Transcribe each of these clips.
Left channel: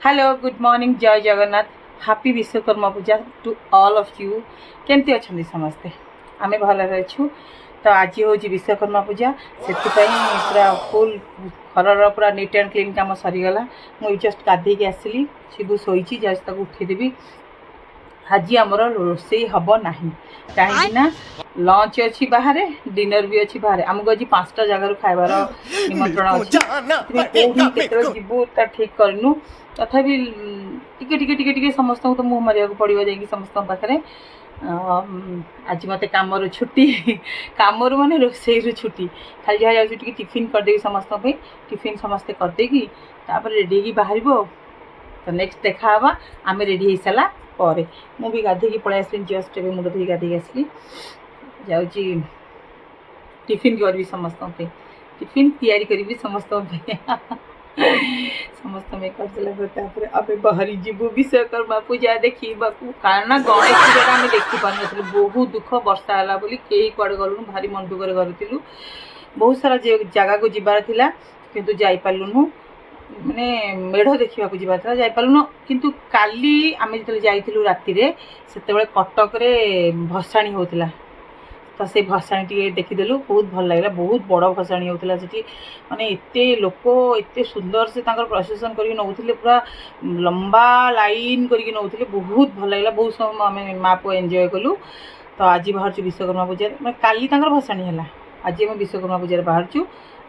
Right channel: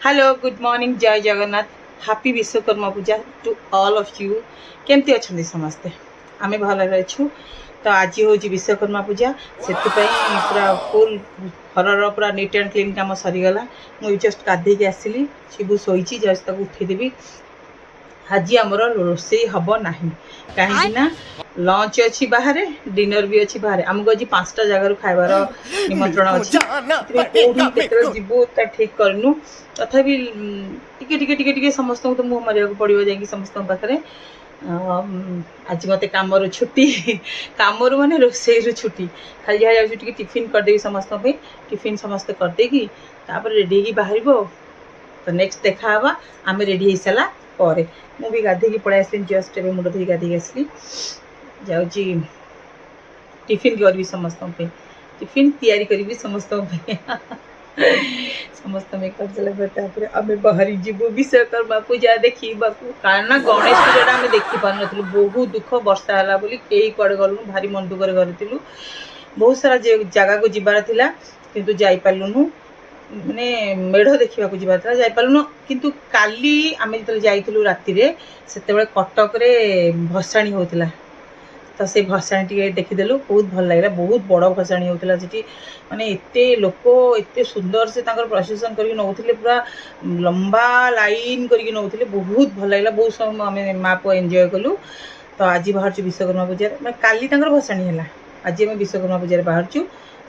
hello good morning जय Jagannath happy Vishwakarma Puja to all of you केमती अच्छा समस्ते आम भल अच्छु तो आज हूँ विश्वकर्मा पूजा से पूरा फुल घर पूरा नीट एंड क्लीन कम सरीगला मुझे जस्ट गाधे आसली शिबू शोची जस्ट उठेदेवी आज आमर रोषे हम ना कहीं लंच अच्छी बाहर डिनर भी अच्छी बाहर आमको आज 5टा जगार खाइबार निमंत्रण अच्छी जीवु ठीक करनु तथापि टिके समस्त तो मुँह मारे पड़ो जा समस्त पाखे आज मत कम छुट्टी कम माने रोसे छुट्टी खाली जहाँ जाऊँ टिफिन करदेवी समस्त टिफिन समस्ते करदे रेडी हो बाहर तो नेक्स्ट देखा आम रेडी हो सारा पर मुझे गाधे पलि आसली जस्ट ए मुंड धोई गाधे आसली जाऊँगी टिफिन करी समस्त टिफिन तैयारी करी समस्त समस्त कर आम बाहरी जीवु विश्वकर्मा पूजा देखा कारण गणेश पूजा आम देखी पार नु बहुत दुख वर्षा है बोली कई कड़े गलुनु भारी मन दुख करूँ बहुत सारा जगह को जीवार थिला किंतु जाई पालुनु माने मेढ़ देखा जीवार जापारूनु किंतु काली आम जो जाइलु राति से कटक रे भसाणी होता तो से भसाणी टी देखीदेलु बहुत भल लगे बहुत बड़ भसाणी होता से माने एते लोक एते सुंदर से प्रोसेसन करके नौले पूरा लंबा लाइन करके नौले बहुत भल लगे बहुत समय आम माँ पुआ एंजॉय कलु तो आज बाहर विश्वकर्मा पूजा मैं काली भसाणी है आज आम विश्वकर्मा पूजा बाहर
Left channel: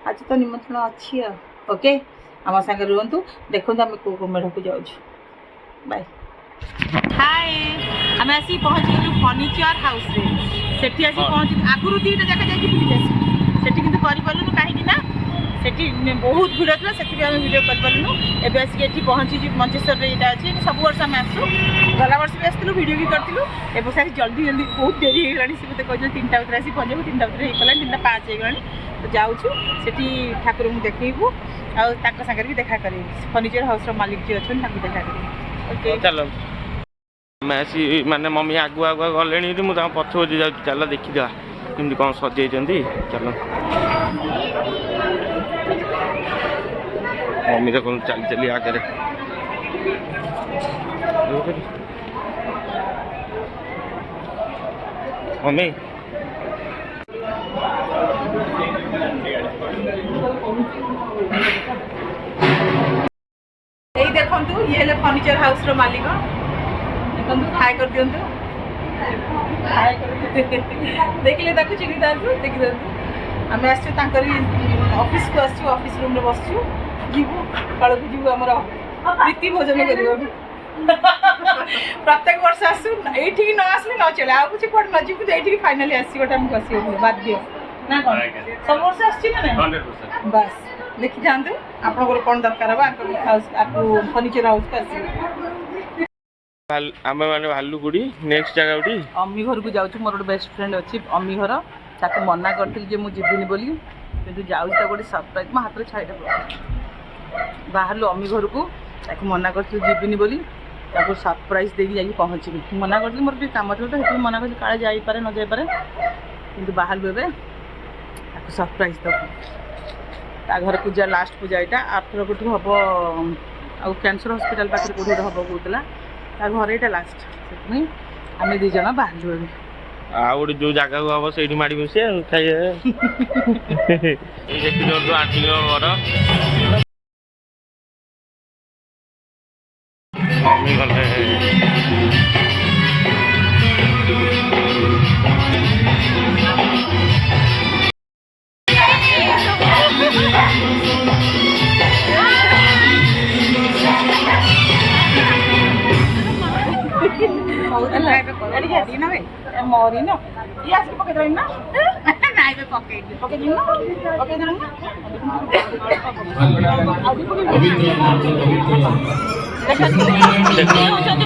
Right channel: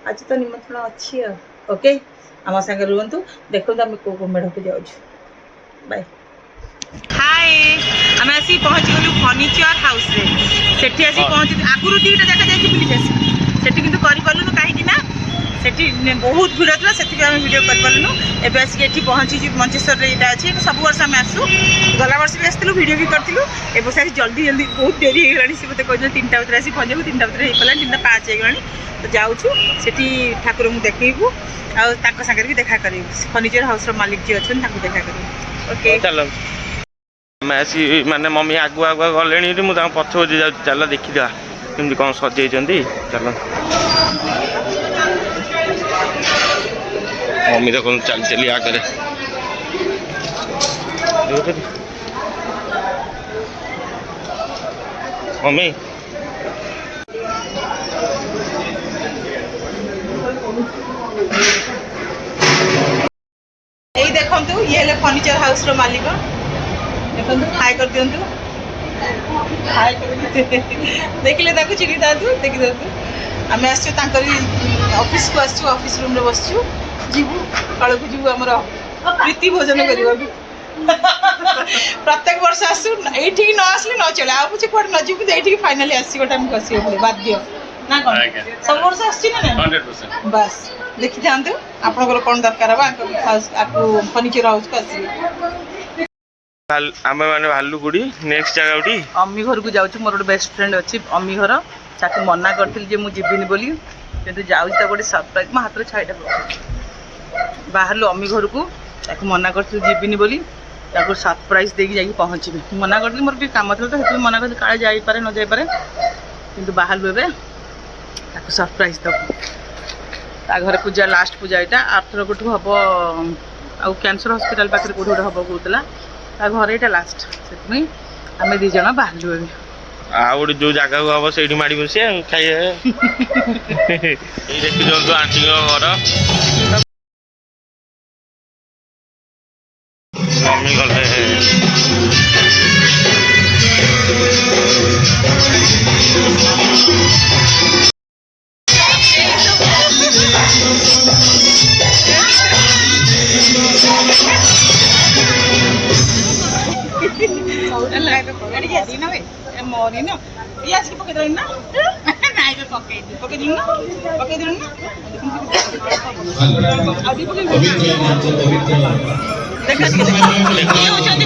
आज तो निमंत्रण अच्छी ओके आम सागर रुहतु देखो आम को मेढ़ को जाऊँ बाय हाय आम आसी पहुँच गलु फर्निचर हाउस रे सेठी आसी पहुँच आगुरी दुईटा जगह जाकि बुलिक आसी सेठी किंतु करिपालुनु काहेकि ना सेठी बहुत भिड़ था से वीडियो करिपालुनु एबे आसी एठी पहुँची मंचेश्वर रे एटा अछि सब वर्ष आम आसु गला वर्ष भी आसलु वीडियो भी करतिलु एबे सारी जल्दी जल्दी बहुत देरी हो गलानी से मते कहले 3टा उतरे आसी पहुँचबु 3टा उतरे हे पला 3:05 हो गलानी तो जाउछु सेठी ठाकुर को देखैबु आ ताको संगे भी देखा करिबु फर्निचर हाउस रो मालिक जी अछन ताको देखा करिबु ओके चलो मैसी माने मम्मी आगु आगु गले मुझे पछ पछ जा चल देखीदा केमती कौन सजे चल मम्मी तो कौन चल चली आगे मम्मी देखु ये फर्निचर हाउस रो मालिक हाय कर दिंतु हाय देखिले ताकू चिनी दादू देखि दादू आम आसछु ऑफिस को आसछु ऑफिस रूम रे बसछु जीवु काल को जीवु हमर प्रीति भोजन करबा प्रत्येक वर्ष आसु एठी न आसले न चले आ पुछे कोड न जीवु एठी फाइनली आसी गोटा हम कसी बाध्य ना कोन सब वर्ष आछि ना 100% बस देखि जानतु आपन कोन दरकार बा हाउस आपको फर्नीचर हाउस को आसी आम मैंने भालुगुड़ी नेक्स्ट जगह उठी अम्मी घर को जाऊँ मोर गोटे बेस्ट फ्रेंड अच्छी अम्मी घर ताकि मना करी मुझे बोली किंतु जाऊँ गोटे सरप्राइज मो हाथ छाईटा पड़े बाहर अम्मी घर को मना करी जीविनी बोली सरप्राइज देकी जाकि पहुँची मना करी मोर कम था तो मना करी काले जापे न जापे कि बाहर एवं सरप्राइज दब ता घर पूजा लास्ट पूजा यहाँ आर्थर कौटू हम आउ कैंसर हॉस्पिटल पाखे कौट गोटे हम कहला घर यहाँ लास्ट से आम दी जन बाहर गोटे जो जगह को हम से माड़ी बस खाइए देखी दिखाँ आंटी घर मम्मी गले मरी न ये आज पकड़ ना पकड़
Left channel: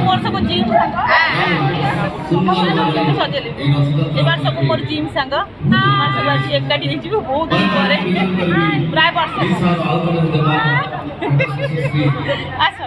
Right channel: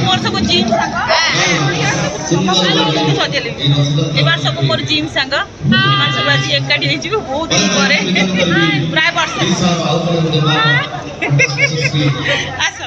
मोर सब जिम सब मोर जिम सांग सब आज एकाठी बहुत दिन पर प्राय वर्ष आस